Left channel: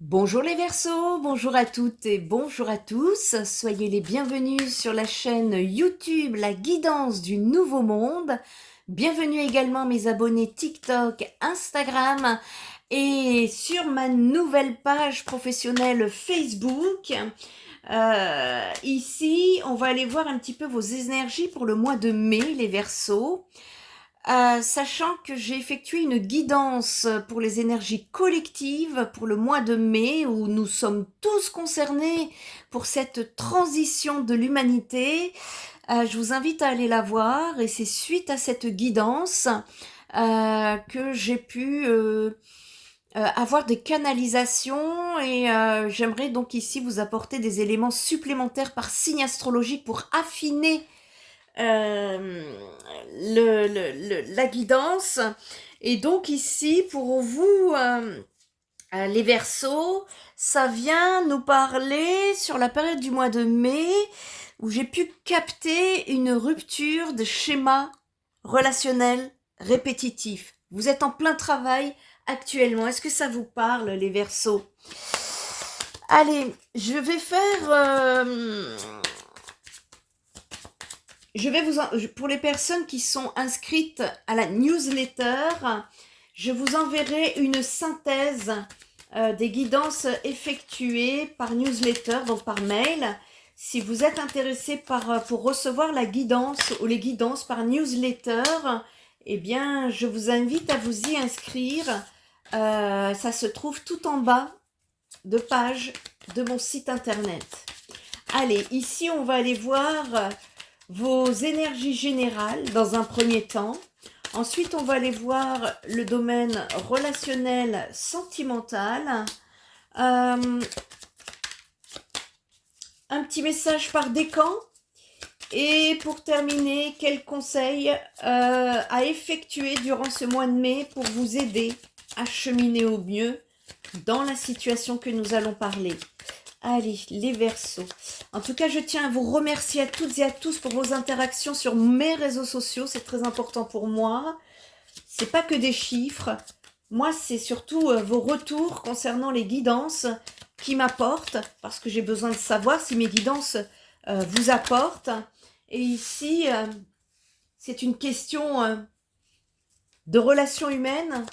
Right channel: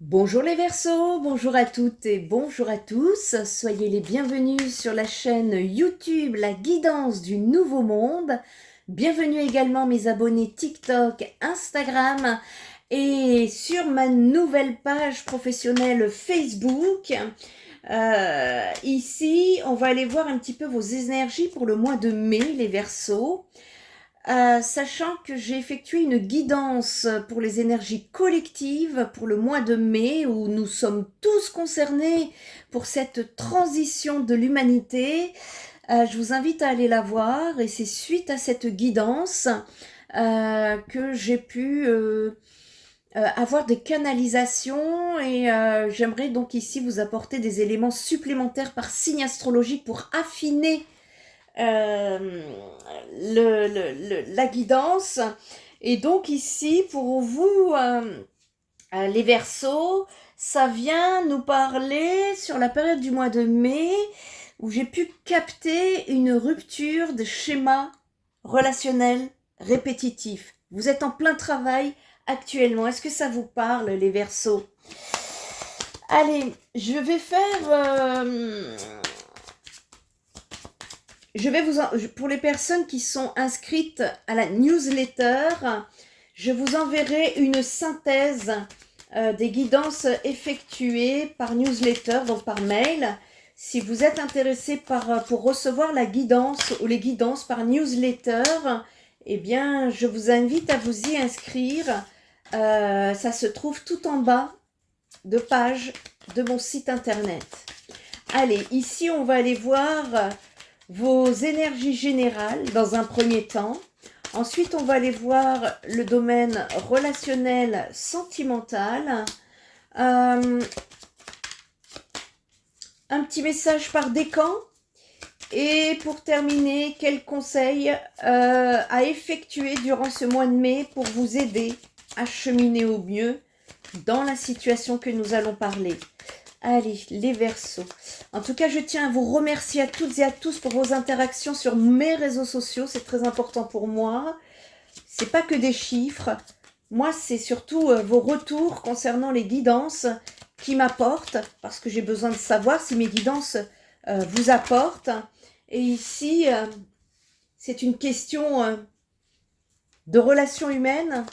Bonjour les Verseaux, bonjour à toutes et bonjour à tous. Soyez les bienvenus sur la chaîne YouTube La Guidance du Nouveau Monde. Bienvenue également mes abonnés TikTok, Instagram et sur ma nouvelle page professionnelle Facebook. Ici, on va aller voir un petit peu vos énergies pour le mois de mai, les Verseaux. Sachant que j'ai effectué une guidance pour les énergies collectives pour le mois de mai où nous sommes tous concernés pour cette transition de l'humanité. Je vous invite à aller la voir et c'est suite à cette guidance que j'ai pu avoir des canalisations et j'aimerais donc ici vous apporter des éléments supplémentaires par signe astrologique pour affiner euh, la guidance. Et donc ici, pour vous, les Verseaux, ça vient nous parler sur la période du mois de mai où j'ai pu capter une rupture de schéma relationnel répétitif. Vous êtes en plein travail actuellement. Est-ce que ça vous parle, les Verseaux? Allez, je vais pour les personnes qui sont inscrites à la newsletter, je vous enverrai une synthèse des guidances effectuées par newsletter, donc par mail. Si vous êtes intéressé pour recevoir la guidance ou les guidances par newsletter, eh bien, je vous invite à vous y inscrire. Ça se trouve tout en bas de page de mon site internet. Allez, ici, on va aller voir vos énergies générales dans un premier temps. Ensuite, on va aller voir le domaine relationnel sentimental. Un petit message par décan. Et pour terminer, quels conseils à effectuer durant ce mois de mai pour vous aider à cheminer au mieux dans la situation que nous allons parler. Allez, les Verseaux. En tout cas, je tiens à vous remercier à toutes et à tous pour vos interactions sur mes réseaux sociaux. C'est très important pour moi. C'est pas que des chiffres. Moi, c'est surtout vos retours concernant les guidances qui m'apportent, parce que j'ai besoin de savoir si mes guidances vous apportent. Et ici, c'est une question de relations humaines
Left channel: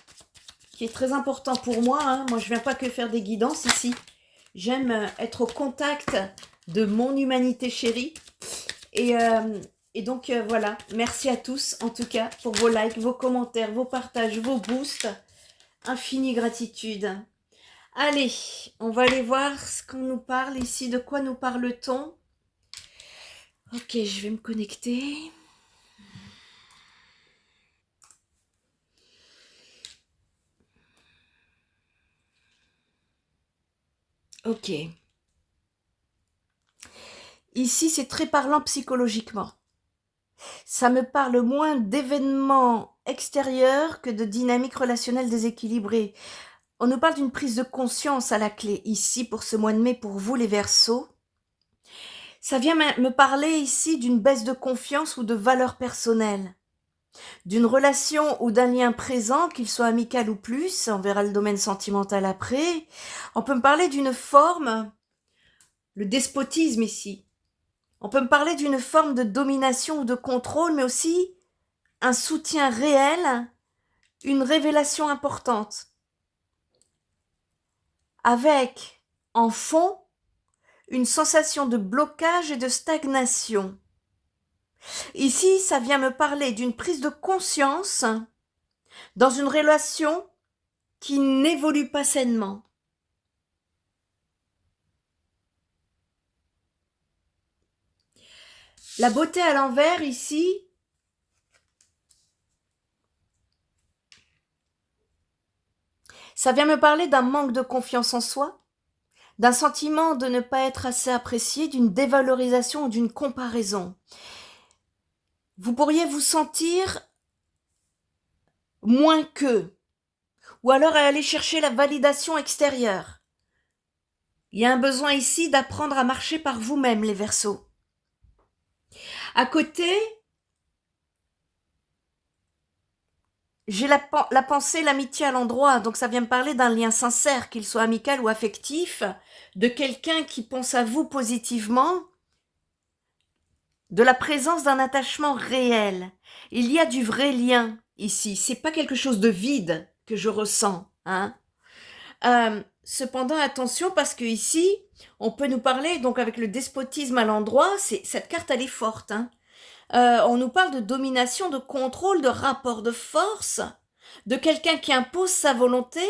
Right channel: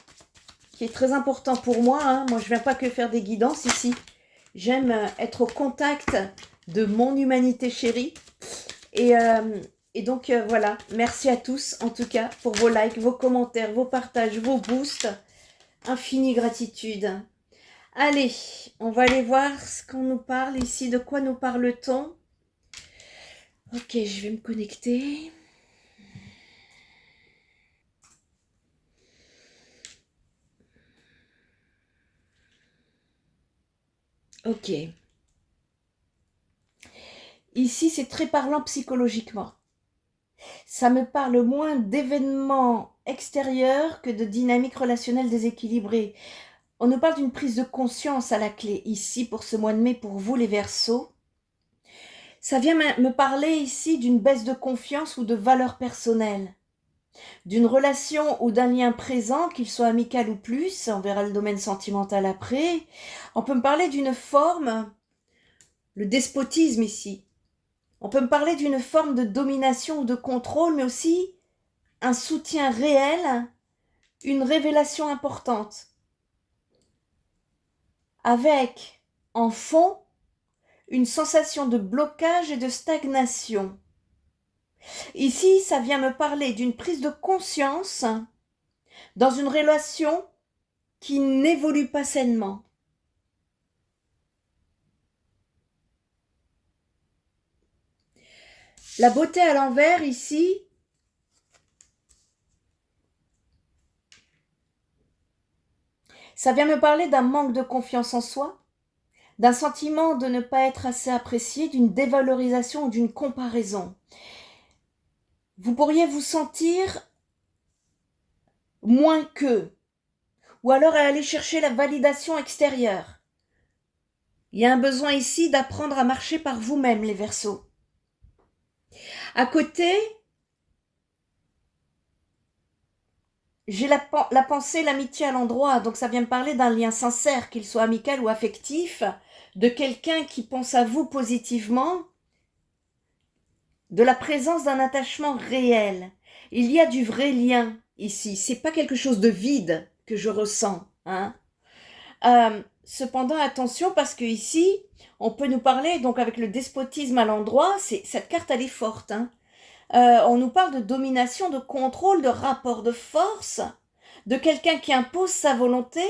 qui est très important pour moi. Hein. Moi, je ne viens pas que faire des guidances ici. J'aime être au contact de mon humanité chérie. Et donc, voilà. Merci à tous, en tout cas, pour vos likes, vos commentaires, vos partages, vos boosts. Infinie gratitude. Allez, on va aller voir ce qu'on nous parle ici. De quoi nous parle-t-on? Ok, je vais me connecter. Ok. Ici, c'est très parlant psychologiquement. Ça me parle moins d'événements extérieurs que de dynamiques relationnelles déséquilibrées. On nous parle d'une prise de conscience à la clé ici pour ce mois de mai pour vous les Verseaux. Ça vient me parler ici d'une baisse de confiance ou de valeur personnelle, d'une relation ou d'un lien présent, qu'il soit amical ou plus, on verra le domaine sentimental après. On peut me parler d'une forme, le despotisme ici. On peut me parler d'une forme de domination ou de contrôle, mais aussi un soutien réel, une révélation importante, avec en fond une sensation de blocage et de stagnation. Ici, ça vient me parler d'une prise de conscience dans une relation qui n'évolue pas sainement. La beauté à l'envers ici, ça vient me parler d'un manque de confiance en soi, d'un sentiment de ne pas être assez apprécié, d'une dévalorisation ou d'une comparaison. Vous pourriez vous sentir moins qu'eux, ou alors aller chercher la validation extérieure. Il y a un besoin ici d'apprendre à marcher par vous-même, les Verseaux. À côté, j'ai la pensée, l'amitié à l'endroit, donc ça vient me parler d'un lien sincère, qu'il soit amical ou affectif, de quelqu'un qui pense à vous positivement, de la présence d'un attachement réel. Il y a du vrai lien ici, c'est pas quelque chose de vide que je ressens, hein. Cependant, attention, parce que ici, on peut nous parler, donc avec le despotisme à l'endroit, cette carte, elle est forte, hein. On nous parle de domination, de contrôle, de rapport de force, de quelqu'un qui impose sa volonté.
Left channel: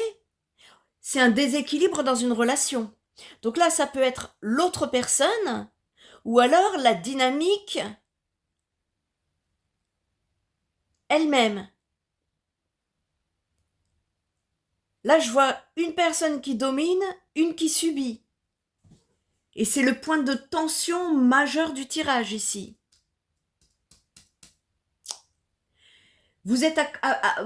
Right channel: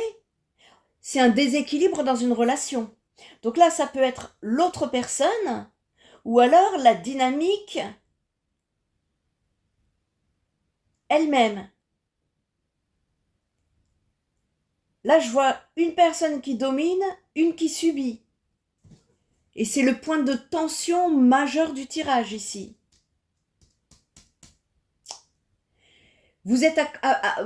C'est un déséquilibre dans une relation. Donc là, ça peut être l'autre personne, ou alors la dynamique elle-même. Là, je vois une personne qui domine, une qui subit. Et c'est le point de tension majeur du tirage ici. Vous êtes,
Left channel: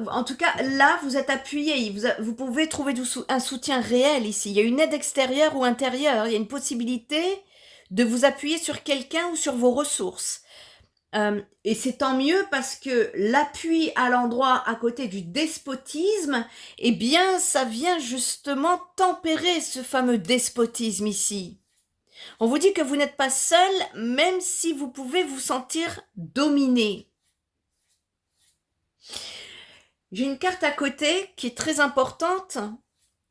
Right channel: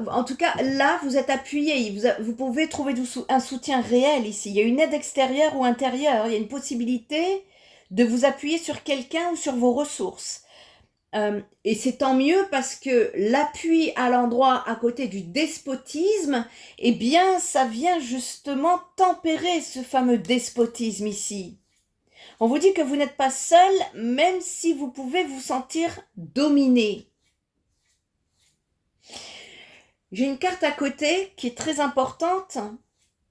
en tout cas, là, vous êtes appuyé. Vous pouvez trouver un soutien réel ici. Il y a une aide extérieure ou intérieure. Il y a une possibilité de vous appuyer sur quelqu'un ou sur vos ressources. Et c'est tant mieux parce que l'appui à l'endroit à côté du despotisme, eh bien, ça vient justement tempérer ce fameux despotisme ici. On vous dit que vous n'êtes pas seul, même si vous pouvez vous sentir dominé. J'ai une carte à côté qui est très importante,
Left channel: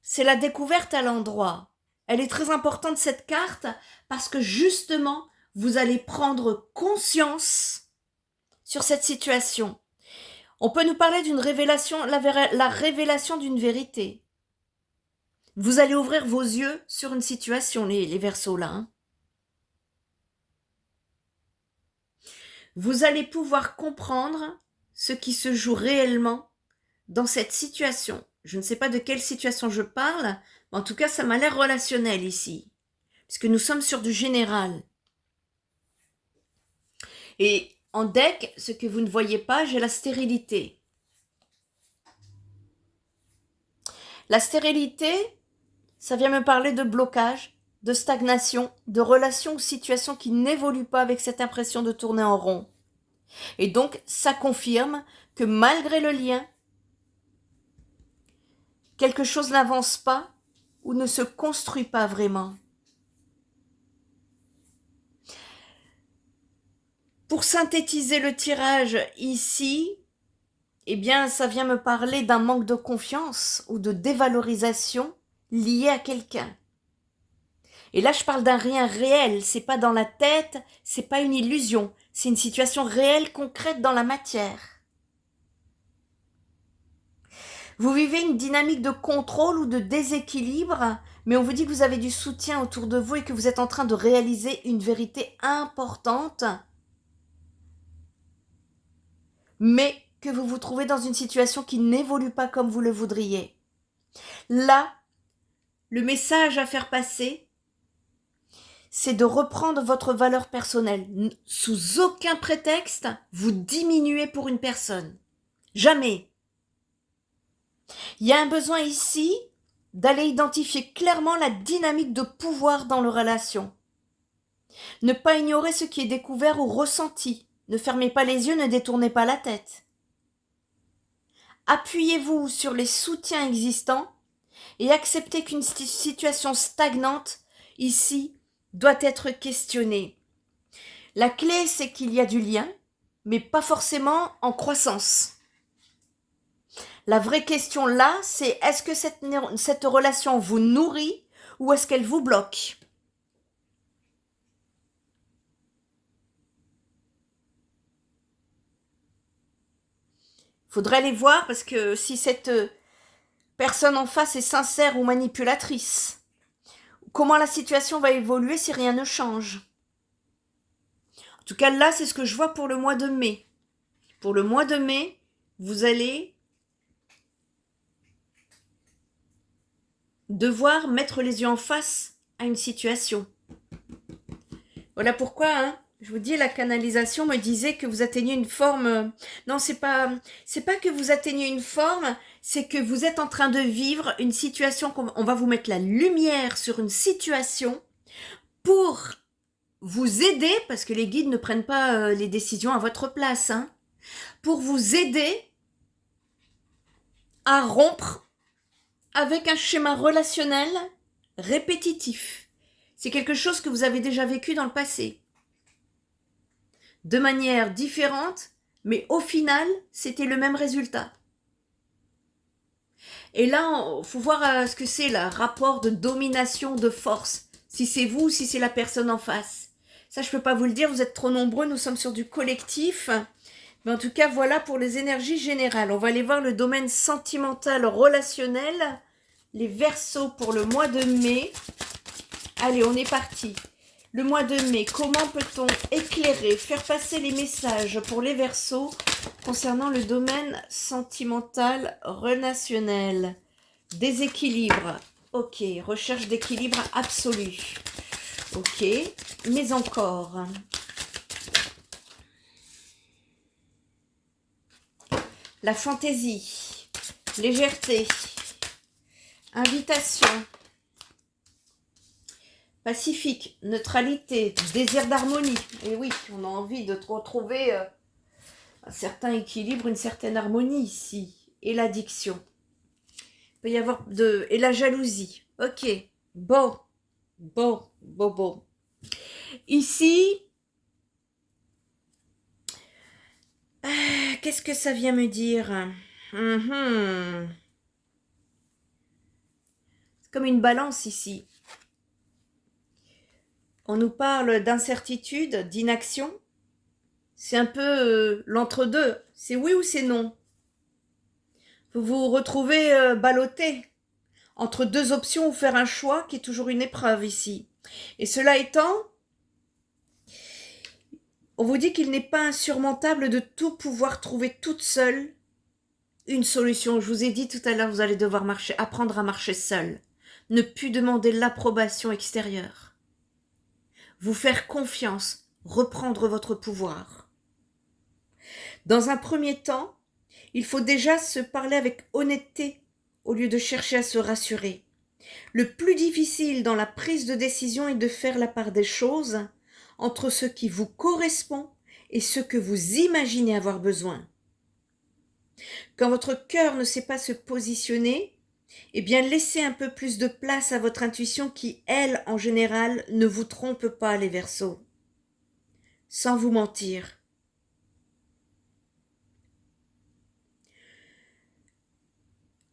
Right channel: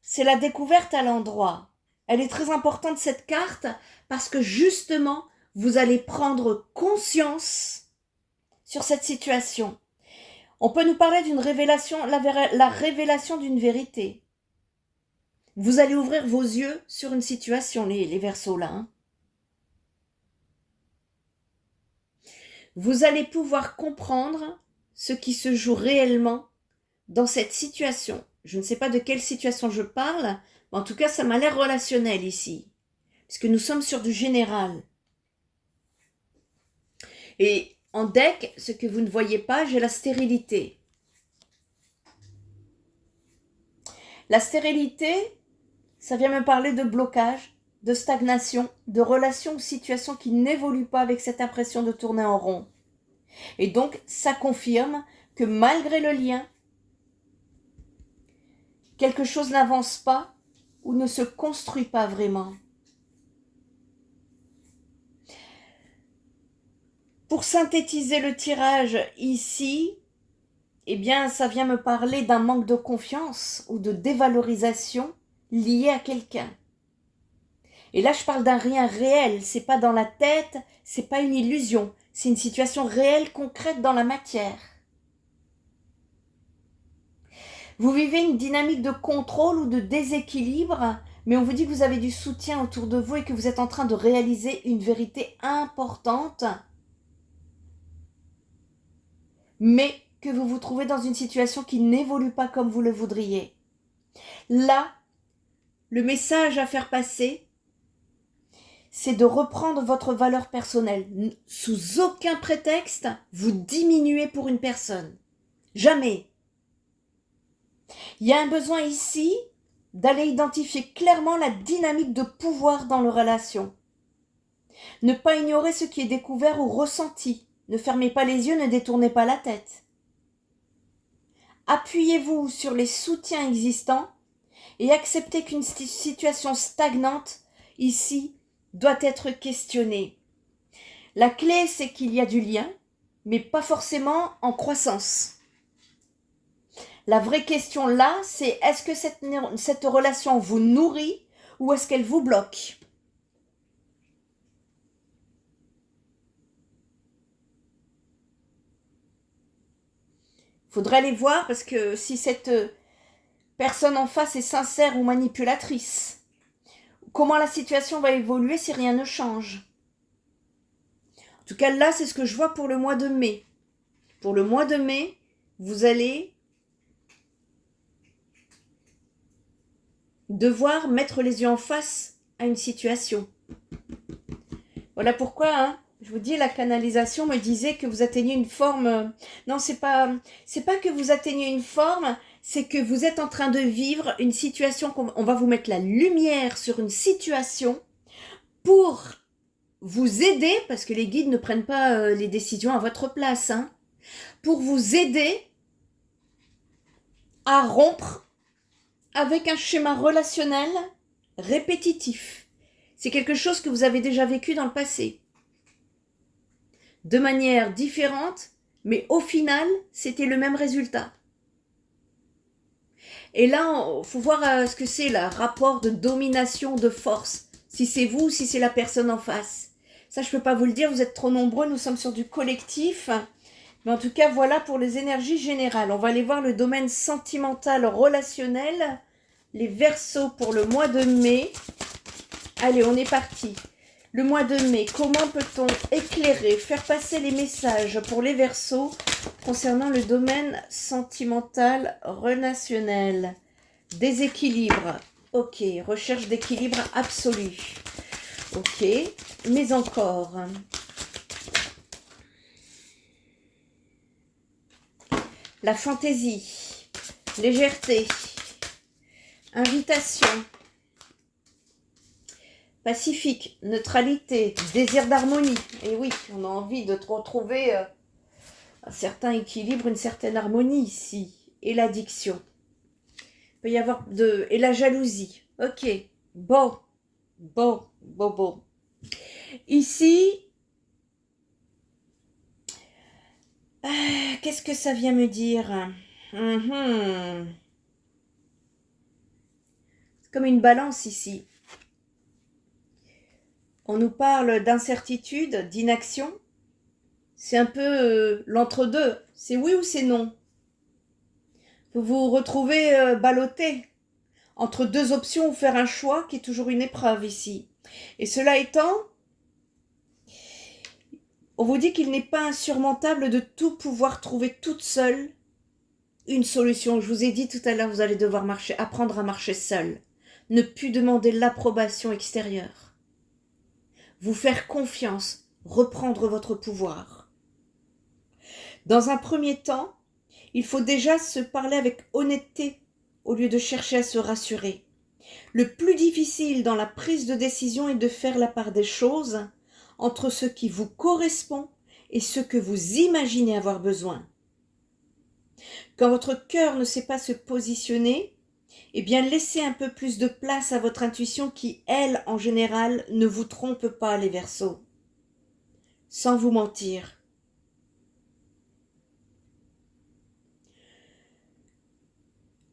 c'est la découverte à l'endroit. Elle est très importante cette carte parce que justement, vous allez prendre conscience sur cette situation. On peut nous parler d'une révélation, la révélation d'une vérité. Vous allez ouvrir vos yeux sur une situation, les Verseaux là. Hein. Vous allez pouvoir comprendre ce qui se joue réellement dans cette situation. Je ne sais pas de quelle situation je parle, mais en tout cas, ça m'a l'air relationnel ici, puisque nous sommes sur du général. Et en deck, ce que vous ne voyez pas, j'ai la stérilité. La stérilité, ça vient me parler de blocage, de stagnation, de relations ou situations qui n'évoluent pas avec cette impression de tourner en rond. Et donc, ça confirme que malgré le lien, quelque chose n'avance pas ou ne se construit pas vraiment. Pour synthétiser le tirage ici, eh bien, ça vient me parler d'un manque de confiance ou de dévalorisation lié à quelqu'un. Et là, je parle d'un rien réel, c'est pas dans la tête, c'est pas une illusion, c'est une situation réelle, concrète dans la matière. Vous vivez une dynamique de contrôle ou de déséquilibre, mais on vous dit que vous avez du soutien autour de vous et que vous êtes en train de réaliser une vérité importante, mais que vous vous trouvez dans une situation qui n'évolue pas comme vous le voudriez. Là, le message à faire passer, c'est de reprendre votre valeur personnelle. Sous aucun prétexte, vous diminuez pour une personne. Jamais. Il y a un besoin ici d'aller identifier clairement la dynamique de pouvoir dans nos relations. Ne pas ignorer ce qui est découvert ou ressenti. Ne fermez pas les yeux, ne détournez pas la tête. Appuyez-vous sur les soutiens existants et acceptez qu'une situation stagnante, ici, doit être questionnée. La clé, c'est qu'il y a du lien, mais pas forcément en croissance. La vraie question là, c'est est-ce que cette relation vous nourrit ou est-ce qu'elle vous bloque ? Il faudrait aller voir parce que si cette personne en face est sincère ou manipulatrice, comment la situation va évoluer si rien ne change. En tout cas, là, c'est ce que je vois pour le mois de mai. Pour le mois de mai, vous allez devoir mettre les yeux en face à une situation. Voilà pourquoi, hein, je vous dis, la canalisation me disait que vous atteignez une forme... Non, c'est pas que vous atteignez une forme, c'est que vous êtes en train de vivre une situation, on va vous mettre la lumière sur une situation pour vous aider, parce que les guides ne prennent pas les décisions à votre place, hein, pour vous aider à rompre avec un schéma relationnel répétitif. C'est quelque chose que vous avez déjà vécu dans le passé. De manière différente, mais au final, c'était le même résultat. Et là, il faut voir ce que c'est, le rapport de domination, de force. Si c'est vous ou si c'est la personne en face. Ça, je ne peux pas vous le dire, vous êtes trop nombreux, nous sommes sur du collectif. Mais en tout cas, voilà pour les énergies générales. On va aller voir le domaine sentimental, relationnel. Les Verseaux pour le mois de mai. Allez, on est parti. Le mois de mai, comment peut-on éclairer, faire passer les messages pour les Verseaux concernant le domaine sentimental relationnel? Déséquilibre. Ok, recherche d'équilibre absolu. Ok, mais encore. La fantaisie, légèreté, invitation, pacifique, neutralité, désir d'harmonie. Et oui, on a envie de retrouver un certain équilibre, une certaine harmonie ici. Et l'addiction. Il peut y avoir et la jalousie. Ok, bon. Ici, qu'est-ce que ça vient me dire? C'est comme une balance ici. On nous parle d'incertitude, d'inaction. C'est un peu l'entre-deux. C'est oui ou c'est non. Vous vous retrouvez ballotté entre deux options ou faire un choix qui est toujours une épreuve ici. Et cela étant, on vous dit qu'il n'est pas insurmontable de tout pouvoir trouver toute seule une solution. Je vous ai dit tout à l'heure, vous allez devoir apprendre à marcher seul. Ne plus demander l'approbation extérieure. Vous faire confiance, reprendre votre pouvoir. Dans un premier temps, il faut déjà se parler avec honnêteté au lieu de chercher à se rassurer. Le plus difficile dans la prise de décision est de faire la part des choses entre ce qui vous correspond et ce que vous imaginez avoir besoin. Quand votre cœur ne sait pas se positionner, eh bien laissez un peu plus de place à votre intuition qui, elle, en général, ne vous trompe pas, les Verseaux. Sans vous mentir.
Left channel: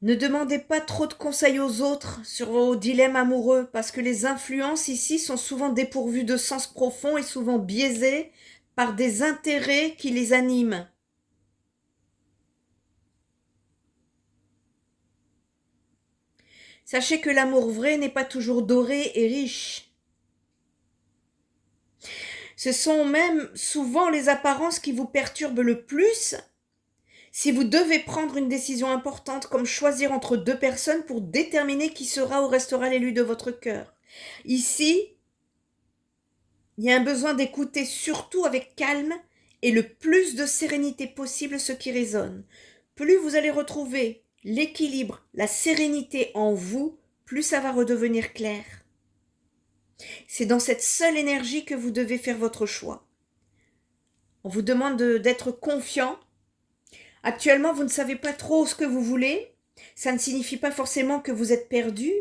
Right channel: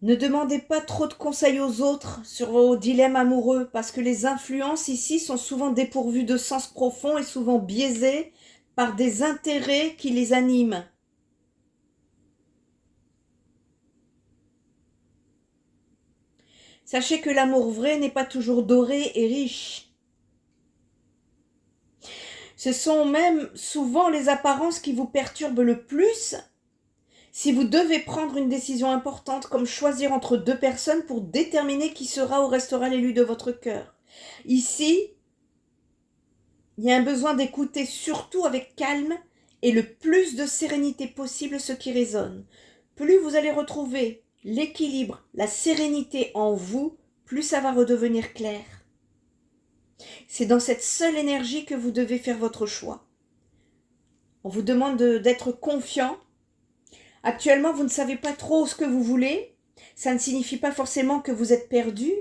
Ne demandez pas trop de conseils aux autres sur vos dilemmes amoureux, parce que les influences ici sont souvent dépourvues de sens profond et souvent biaisées par des intérêts qui les animent. Sachez que l'amour vrai n'est pas toujours doré et riche. Ce sont même souvent les apparences qui vous perturbent le plus si vous devez prendre une décision importante comme choisir entre deux personnes pour déterminer qui sera ou restera l'élu de votre cœur. Ici, il y a un besoin d'écouter surtout avec calme et le plus de sérénité possible ce qui résonne. Plus vous allez retrouver l'équilibre, la sérénité en vous, plus ça va redevenir clair. C'est dans cette seule énergie que vous devez faire votre choix. On vous demande d'être confiant. Actuellement, vous ne savez pas trop ce que vous voulez. Ça ne signifie pas forcément que vous êtes perdu.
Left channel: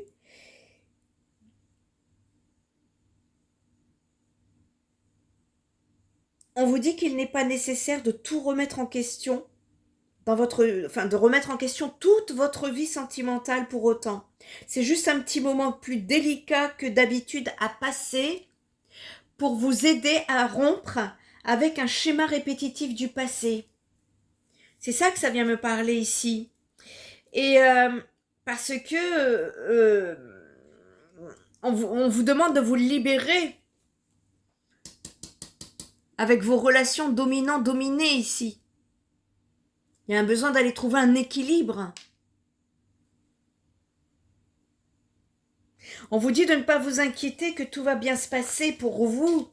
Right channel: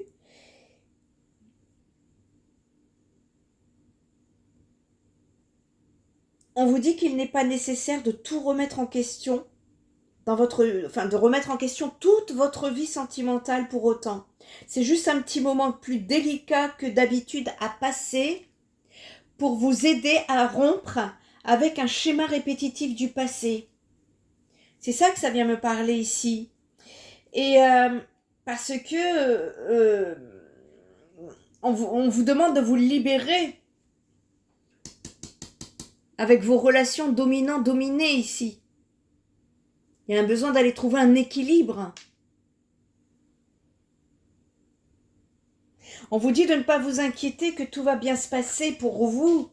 On vous dit qu'il n'est pas nécessaire de tout remettre en question, de remettre en question toute votre vie sentimentale pour autant. C'est juste un petit moment plus délicat que d'habitude à passer pour vous aider à rompre avec un schéma répétitif du passé. C'est ça que ça vient me parler ici. Et parce que on vous demande de vous libérer avec vos relations dominant-dominé ici. Il y a un besoin d'aller trouver un équilibre. On vous dit de ne pas vous inquiéter, que tout va bien se passer pour vous,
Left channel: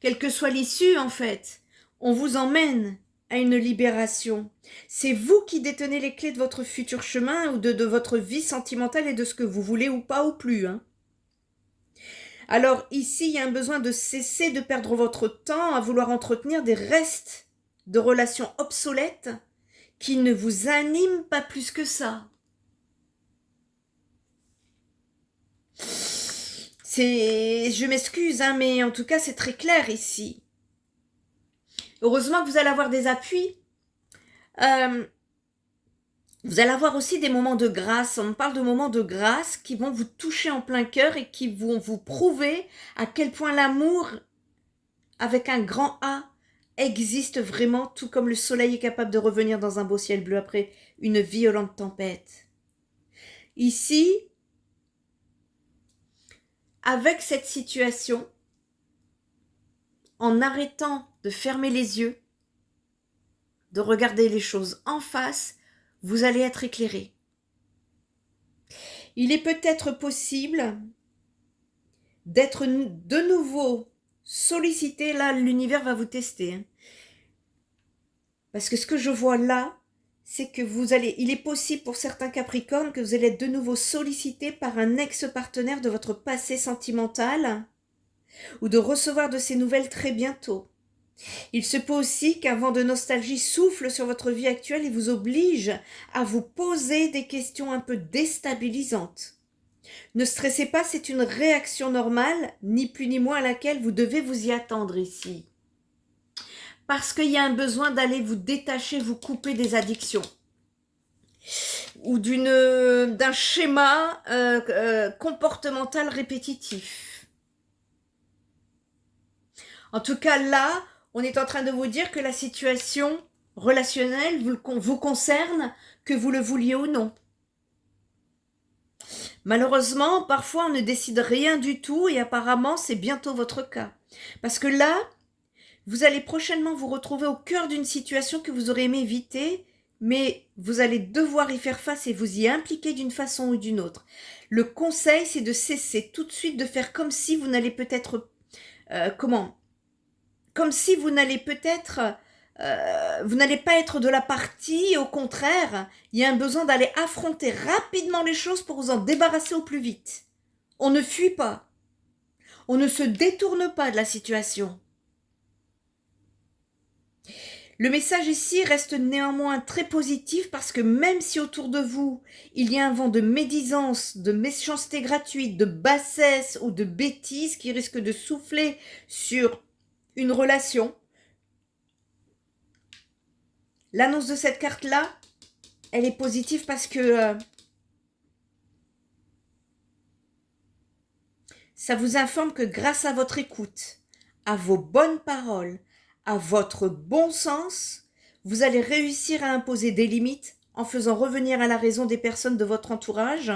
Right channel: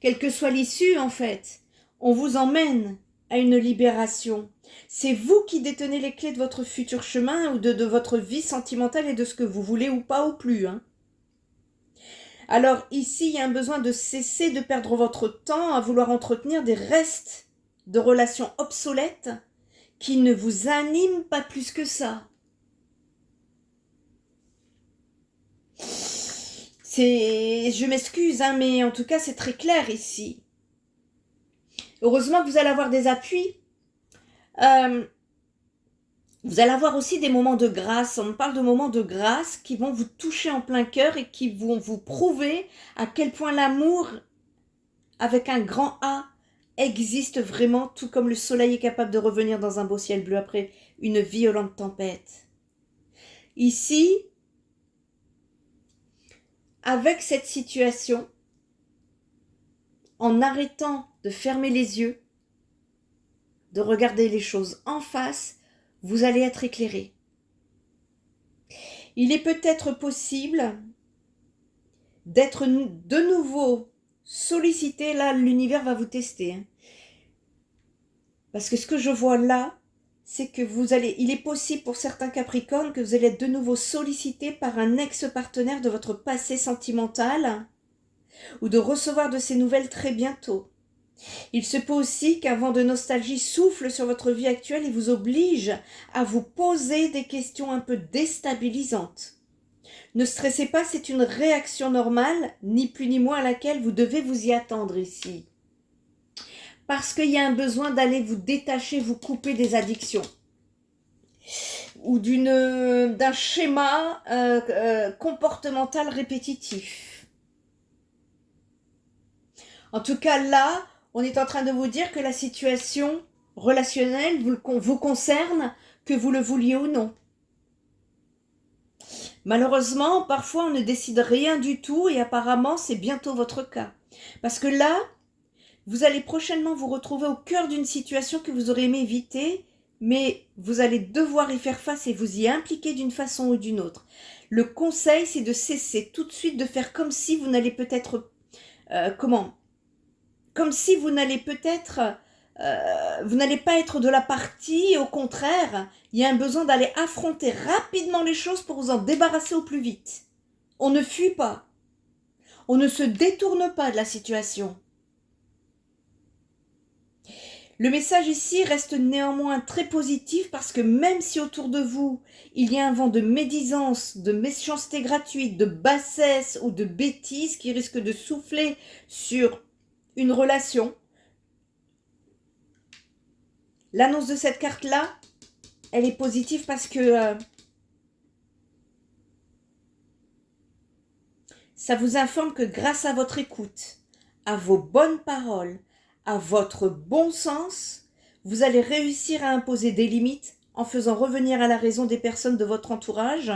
quelle que soit l'issue en fait. On vous emmène à une libération. C'est vous qui détenez les clés de votre futur chemin ou de votre vie sentimentale et de ce que vous voulez ou pas ou plus. Alors ici, il y a un besoin de cesser de perdre votre temps à vouloir entretenir des restes de relations obsolètes qui ne vous animent pas plus que ça. Je m'excuse, hein, mais en tout cas, c'est très clair ici. Heureusement que vous allez avoir des appuis. Vous allez avoir aussi des moments de grâce. On parle de moments de grâce qui vont vous toucher en plein cœur et qui vont vous prouver à quel point l'amour, avec un grand A, existe vraiment, tout comme le soleil est capable de revenir dans un beau ciel bleu après une violente tempête. Ici, avec cette situation, en arrêtant de fermer les yeux, de regarder les choses en face, vous allez être éclairé. Il est peut-être possible d'être de nouveau sollicité. Là, l'univers va vous tester. Hein. Parce que ce que je vois là, c'est que il est possible pour certains Capricornes que vous allez être de nouveau sollicité par un ex-partenaire de votre passé sentimental ou de recevoir de ces nouvelles très bientôt. Il se peut aussi qu'un vent de nostalgie souffle sur votre vie actuelle et vous oblige à vous poser des questions un peu déstabilisantes. Ne stressez pas, c'est une réaction normale, ni plus ni moins à laquelle vous devez vous y attendre ici. Parce qu'il y a un besoin d'aller vous détacher, vous couper des addictions. Ou d'un schéma comportemental répétitif. En tout cas, là, on est en train de vous dire que la situation relationnelle vous concerne, que vous le vouliez ou non. Malheureusement, parfois, on ne décide rien du tout et apparemment, c'est bientôt votre cas. Parce que là, vous allez prochainement vous retrouver au cœur d'une situation que vous aurez aimé éviter, mais vous allez devoir y faire face et vous y impliquer d'une façon ou d'une autre. Le conseil, c'est de cesser tout de suite de faire comme si vous n'allez peut-être... Comme si vous n'allez peut-être... vous n'allez pas être de la partie, au contraire, il y a un besoin d'aller affronter rapidement les choses pour vous en débarrasser au plus vite. On ne fuit pas. On ne se détourne pas de la situation. Le message ici reste néanmoins très positif parce que même si autour de vous, il y a un vent de médisance, de méchanceté gratuite, de bassesse ou de bêtise qui risque de souffler sur une relation, l'annonce de cette carte-là, elle est positive parce que ça vous informe que grâce à votre écoute, à vos bonnes paroles, à votre bon sens, vous allez réussir à imposer des limites en faisant revenir à la raison des personnes de votre entourage,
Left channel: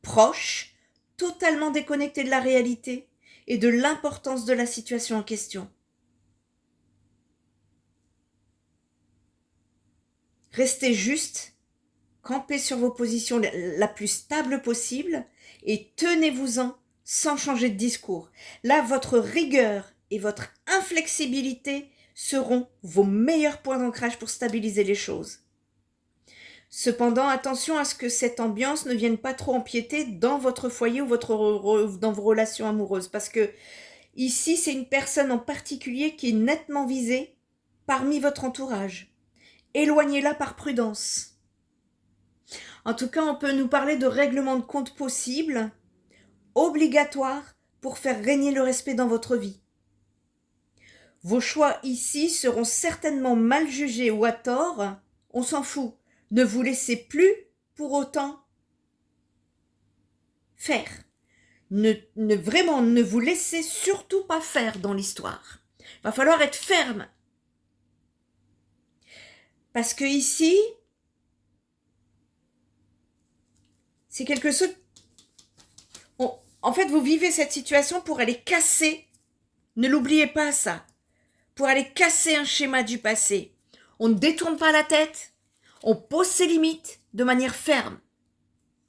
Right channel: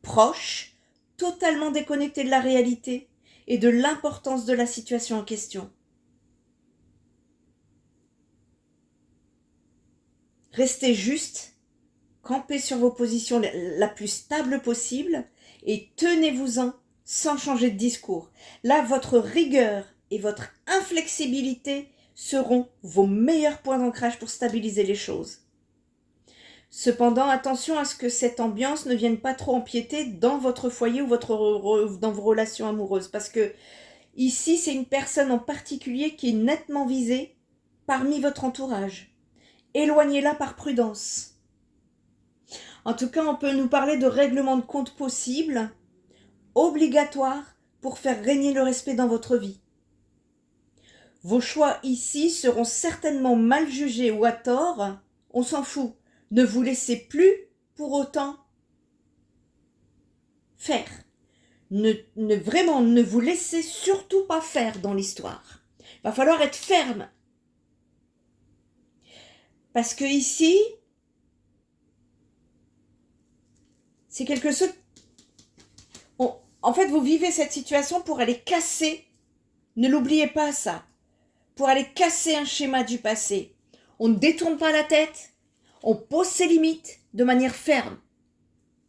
proches, totalement déconnectées de la réalité et de l'importance de la situation en question. Restez juste, campez sur vos positions la plus stable possible et tenez-vous-en sans changer de discours. Là, votre rigueur et votre inflexibilité seront vos meilleurs points d'ancrage pour stabiliser les choses. Cependant, attention à ce que cette ambiance ne vienne pas trop empiéter dans votre foyer ou dans vos relations amoureuses. Parce que ici, c'est une personne en particulier qui est nettement visée parmi votre entourage. Éloignez-la par prudence. En tout cas, on peut nous parler de règlement de compte possible, obligatoire pour faire régner le respect dans votre vie. Vos choix ici seront certainement mal jugés ou à tort, on s'en fout. Ne vous laissez plus pour autant faire. Vraiment, ne vous laissez surtout pas faire dans l'histoire. Il va falloir être ferme. Parce que ici, c'est quelque chose... En fait, vous vivez cette situation pour aller casser, ne l'oubliez pas ça, pour aller casser un schéma du passé. On ne détourne pas la tête, on pose ses limites de manière ferme.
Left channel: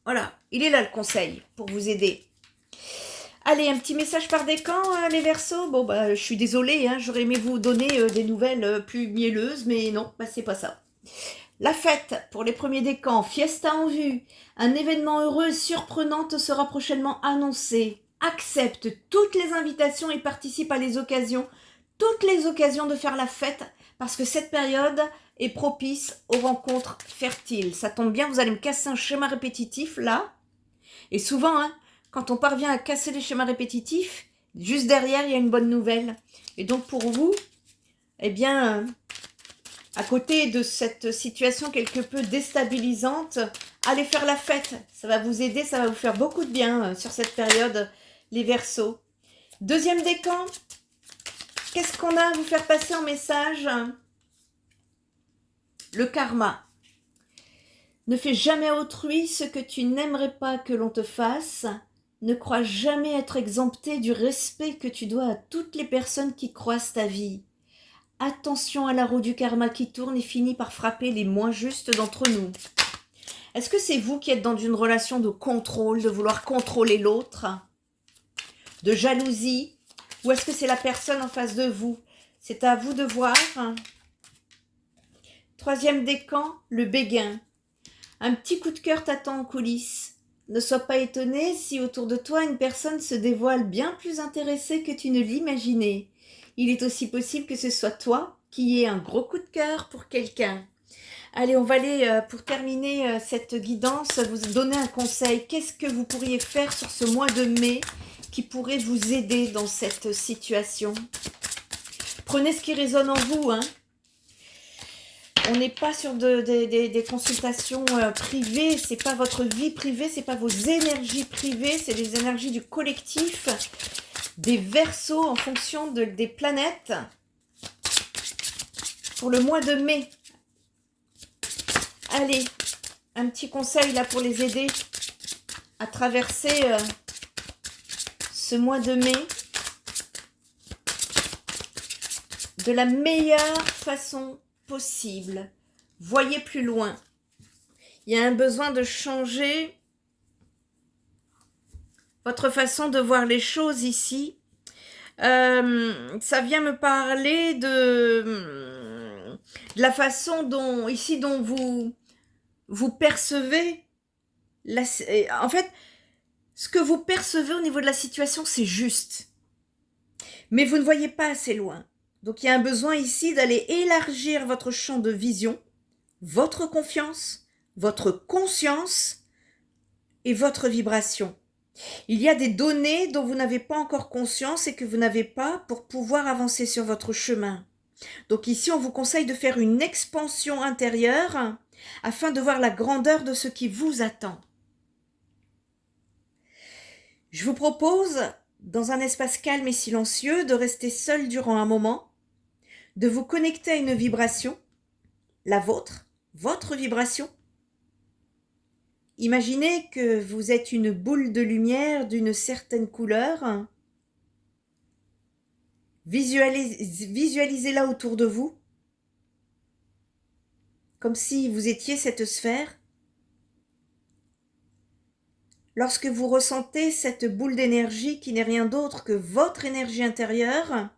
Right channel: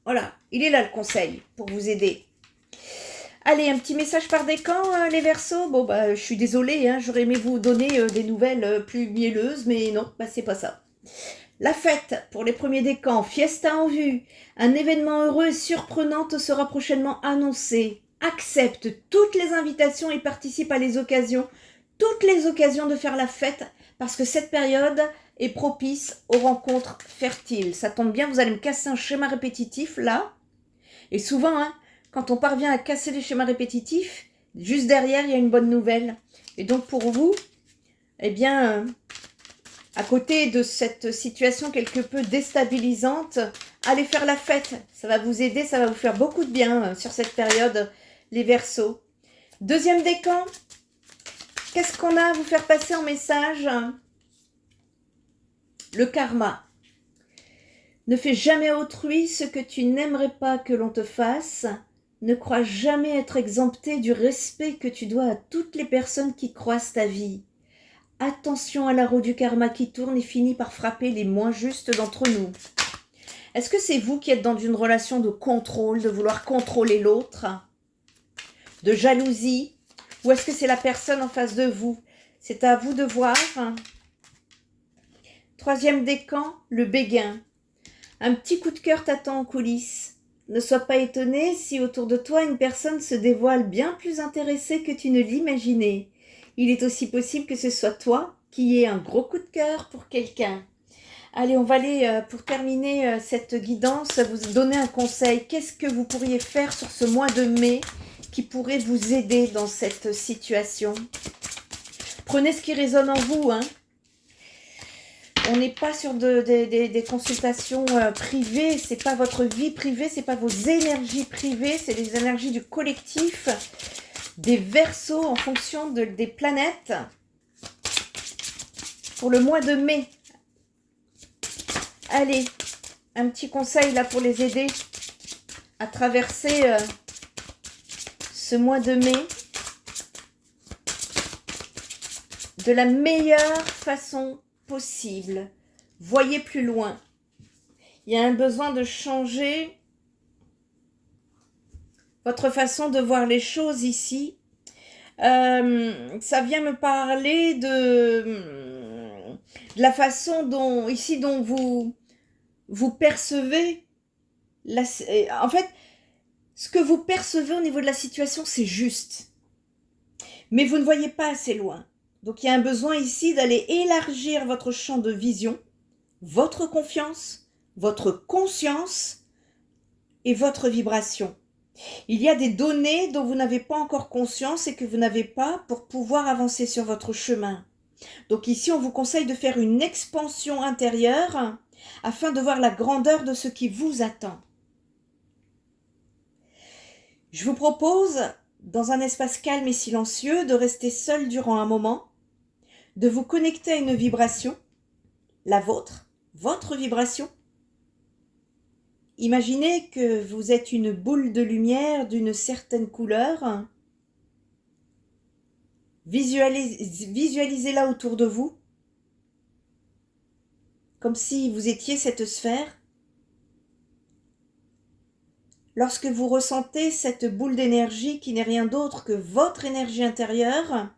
Voilà, il est là le conseil pour vous aider. Allez, un petit message par décan, les Verseaux. Bon, je suis désolée, j'aurais aimé vous donner des nouvelles plus mielleuses, mais non, c'est pas ça. La fête pour les premiers décans, fiesta en vue. Un événement heureux et surprenant te sera prochainement annoncé. Accepte toutes les invitations et participe à toutes les occasions de faire la fête, parce que cette période est propice aux rencontres fertiles. Ça tombe bien, vous allez me casser un schéma répétitif là. Et souvent, quand on parvient à casser les schémas répétitifs, juste derrière, il y a une bonne nouvelle. Et donc pour vous, eh bien, à côté de cette situation quelque peu déstabilisante, allez faire la fête. Ça va vous aider, ça va vous faire beaucoup de bien sur cette période, les Verseaux. Deuxième décan, qu'est-ce qu'on a à vous faire passer en message? Le karma. Ne fais jamais à autrui ce que tu n'aimerais pas que l'on te fasse. Ne crois jamais être exempté du respect que tu dois à toutes les personnes qui croisent ta vie. Attention à la roue du karma qui tourne et finit par frapper les moins justes d'entre nous. Est-ce que c'est vous qui êtes dans une relation de contrôle, de vouloir contrôler l'autre, de jalousie, ou est-ce que c'est la personne en face de vous? C'est à vous de voir. Troisième décan, le béguin. Un petit coup de cœur t'attend en coulisses. Ne sois pas étonné si autour de toi une personne se dévoile bien plus intéressée que tu ne l'imaginais. Il est aussi possible que ce soit toi qui aies un gros coup de cœur pour quelqu'un. Allez, on va aller, pour terminer cette guidance, vous donner un conseil. Qu'est-ce que vous pourriez faire sur ce mois de mai qui pourrait vous aider dans cette situation? Prenez ce qui résonne en vous, hein. On n'est pas sur des consultations privées, c'est pas votre vie privée, c'est pas vos énergies privées, c'est les énergies du collectif, des Verseaux en fonction des planètes pour le mois de mai. Allez, un petit conseil là pour les aider à traverser ce mois de mai de la meilleure façon possible. Voyez plus loin. Il y a un besoin de changer votre façon de voir les choses ici. Ça vient me parler de la façon dont vous percevez en fait, ce que vous percevez au niveau de la situation, c'est juste. Mais vous ne voyez pas assez loin. Donc, il y a un besoin ici d'aller élargir votre champ de vision, votre confiance, votre conscience et votre vibration. Il y a des données dont vous n'avez pas encore conscience et que vous n'avez pas pour pouvoir avancer sur votre chemin. Donc ici, on vous conseille de faire une expansion intérieure afin de voir la grandeur de ce qui vous attend. Je vous propose, dans un espace calme et silencieux, de rester seul durant un moment, de vous connecter à une vibration, la vôtre, votre vibration. Imaginez que vous êtes une boule de lumière d'une certaine couleur. Visualisez-la autour de vous, comme si vous étiez cette sphère. Lorsque vous ressentez cette boule d'énergie qui n'est rien d'autre que votre énergie intérieure,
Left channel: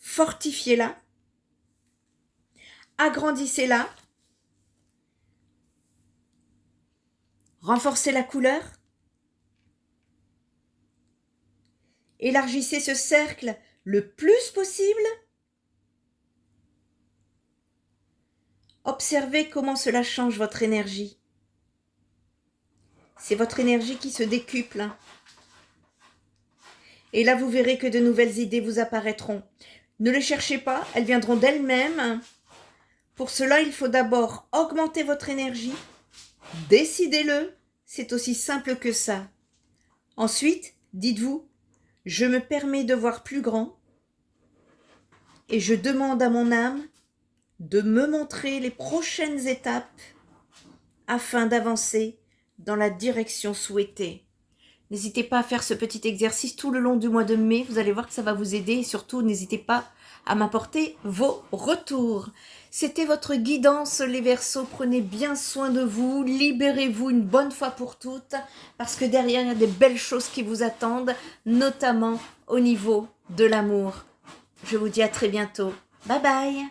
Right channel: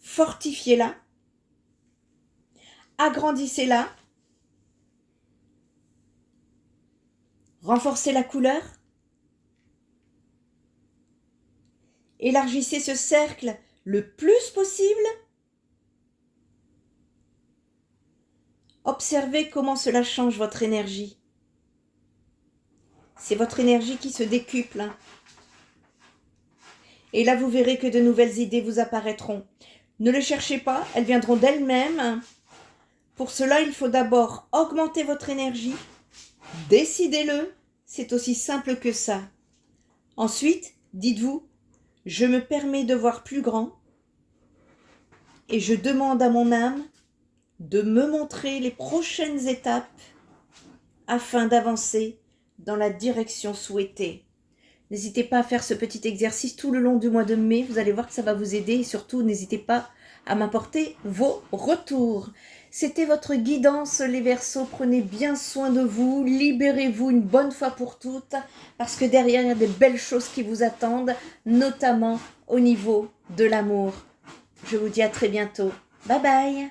fortifiez-la, agrandissez-la, renforcez la couleur, élargissez ce cercle le plus possible. Observez comment cela change votre énergie. C'est votre énergie qui se décuple. Et là, vous verrez que de nouvelles idées vous apparaîtront. Ne les cherchez pas, elles viendront d'elles-mêmes. Pour cela, il faut d'abord augmenter votre énergie. Décidez-le, c'est aussi simple que ça. Ensuite, dites-vous, je me permets de voir plus grand et je demande à mon âme de me montrer les prochaines étapes afin d'avancer dans la direction souhaitée. N'hésitez pas à faire ce petit exercice tout le long du mois de mai. Vous allez voir que ça va vous aider et surtout, n'hésitez pas à m'apporter vos retours. C'était votre guidance, les Verseaux. Prenez bien soin de vous. Libérez-vous une bonne fois pour toutes parce que derrière, il y a des belles choses qui vous attendent, notamment au niveau de l'amour. Je vous dis à très bientôt. Bye bye.